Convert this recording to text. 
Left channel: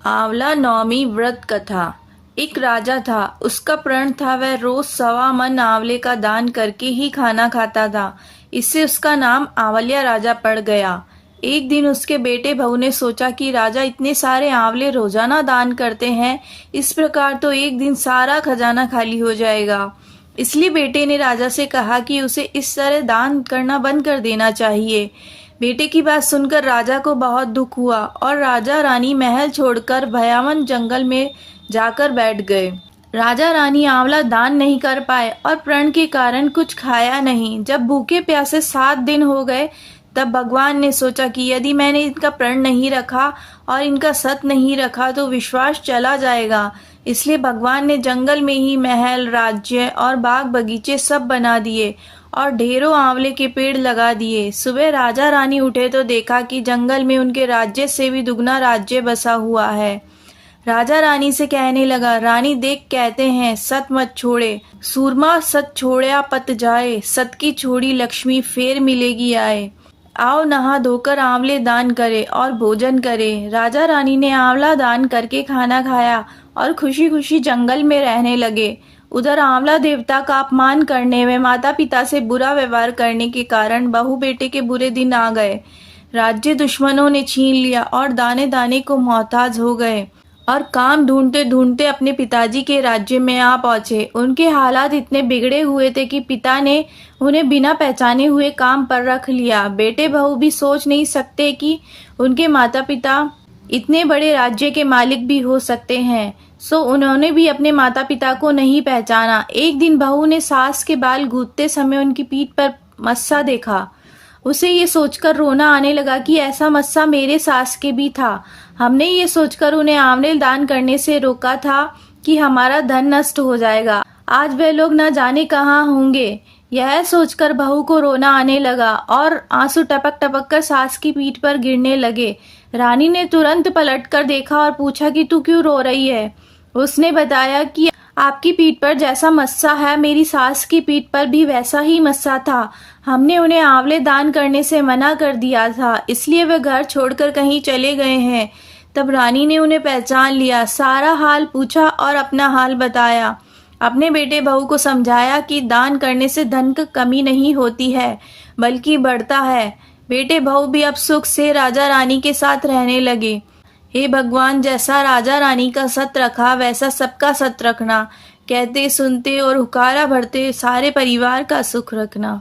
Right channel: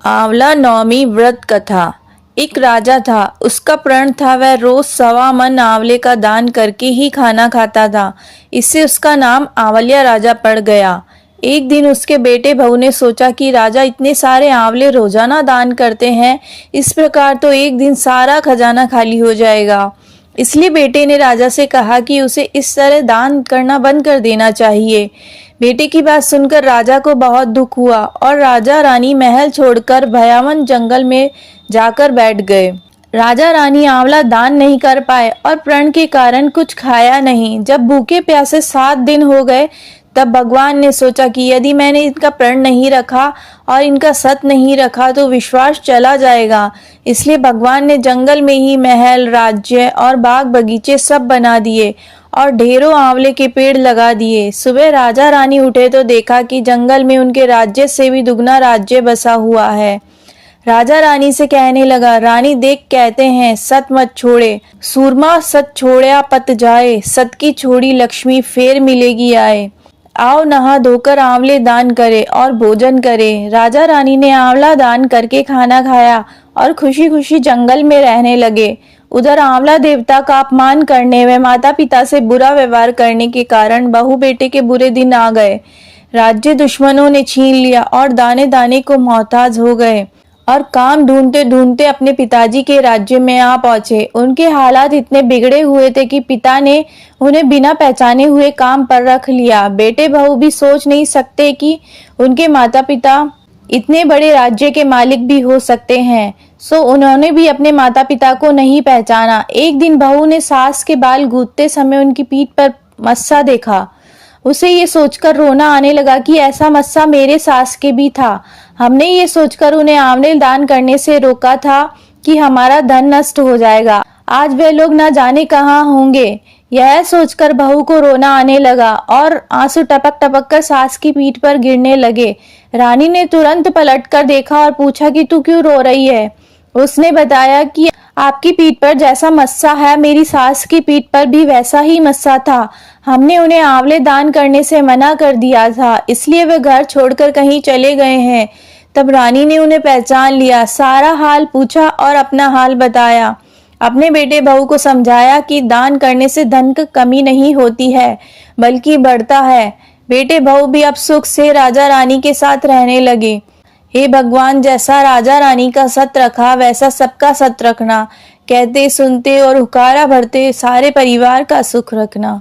आंवला नवमी व्रत कथा। एक राजा था, उसका प्रण था वह रोज 1.25 मन आंवले का दान करके ही खाना खाता था। इससे उसका नाम आंवलिया राजा पड़ गया। एक दिन उसके बेटे बहू ने सोचा कि राजा इतने सारे आंवले रोजाना दान करते हैं, इस प्रकार तो एक दिन सारा खजाना खाली हो जाएगा। इसलिए बेटे ने राजा से कहा कि उसे इस तरह दान करना बंद कर देना चाहिए। बेटे की बात सुनकर राजा को बहुत दुख हुआ और राजा रानी महल छोड़कर भयावन जंगल में जाकर बैठ गए। राजा रानी आंवला दान नहीं कर पाए और प्रण के कारण कुछ खाया नहीं। जब भूखे प्यासे 7 दिन हो गए, तब भगवान ने सोचा कि यदि मैंने इनका प्रण नहीं रखा और इनका सत नहीं रखा तो विश्वास चला जाएगा। इसलिए भगवान ने जंगल में ही महल, राज्य और बाग बगीचे सब बना दिए और ढेरों आंवले के पेड़ लगा दिए। सुबह राजा रानी उठे तो देखा कि जंगल में उनके राज्य से भी दुगना राज्य बसा हुआ है। राजा रानी से कहने लगा, रानी देख कहते हैं सत मत छोड़े, सूरमा सत छोड़या पत जाए, सत की छोड़ी लक्ष्मी फेर मिलेगी आए। आओ नहा धोकर आंवले दान करे और भोजन करे। राजा रानी ने आंवला दान करके खाना खाया और खुशी खुशी जंगल में रहने लगे। उधर आंवला देवता का अपमान करने व माता पिता से बुरा व्यवहार करने के कारण बहू बेटे के बुरे दिन आ गए। राज्य दुश्मनों ने छीन लिया और दाने दाने को मोहताज हो गए और काम ढूंढते ढूंढते अपने पिताजी के राज्य में आ पहुंचे। उनके हालात इतने बिगड़े हुए थे कि पिता ने उन्हें बिना पहचाने हुए काम पर रख लिया। बेटे बहू भी सोच नहीं सकते कि उनके माता पिता इतने बड़े राज्य के मालिक भी हो सकते हैं, सो उन्होंने भी अपने माता पिता को नहीं पहचाना। एक दिन बहू ने सास के बाल गूंथते समय उनकी पीठ पर मस्सा देखा। उसे ये सोचकर रोना आने लगा कि ऐसा मस्सा मेरे सास के भी था। हमने ये सोचकर उन्हें आंवले दान करने से रोका था कि हमारा धन नष्ट हो जाएगा, आज वे लोग न जाने कहाँ होंगे। यह सोचकर बहू को रोना आने लगा और आंसू टपक टपक कर सास की पीठ पर गिरने लगे। रानी ने तुरंत पलटकर देखा और पूछा कि तू क्यों रो रही है। उसने बताया कि आपकी पीठ पर जैसा मस्सा है, मेरी सास की पीठ पर भी वैसा ही मस्सा था। हमने उन्हें आंवले दान करने से मना कर दिया था, इसलिए वे घर छोड़कर कहीं चले गए हैं। तब रानी ने उन्हें पहचान लिया, सारा हाल पूछा और अपना हाल बताया। अपने बेटे बहू को समझाया कि दान करने से धन की कमी नहीं होती है, बल्कि बढ़ता है। बेटे बहू भी अब सुख से राजा रानी के साथ रहने लगे। हे भगवान, जैसा राजा रानी का सत रखा वैसा सबका सत रखना। कहते सुनते और हुकारा भरते सारे परिवार का सुख रखना।